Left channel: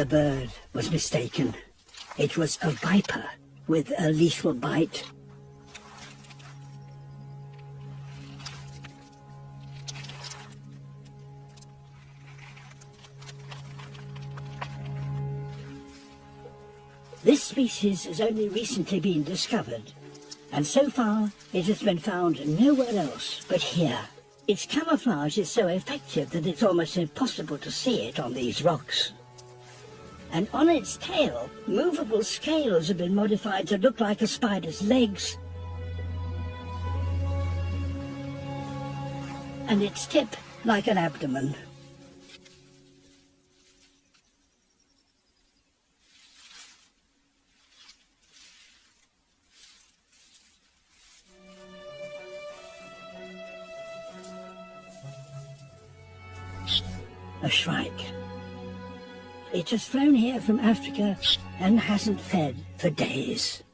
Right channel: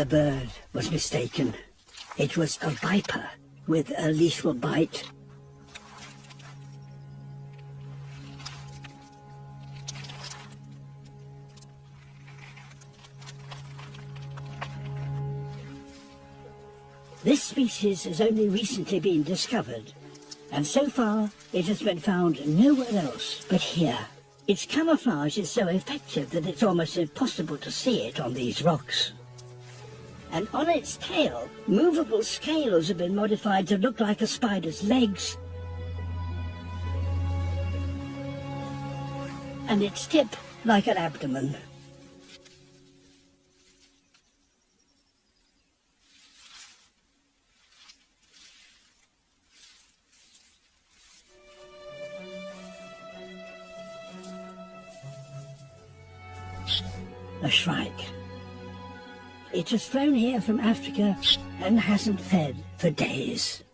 The bird was mistaken. It was a viper with a lethal bite. This species has only recently been discovered, and so far it has been found nowhere else but here. Its camouflage is so effective that it's almost impossible to see it on these rocks. And on its tail, movable scales have been modified to look like a spider's legs. And its tip like an abdomen. A shrike. It has flown here from Africa and hasn't fed for days.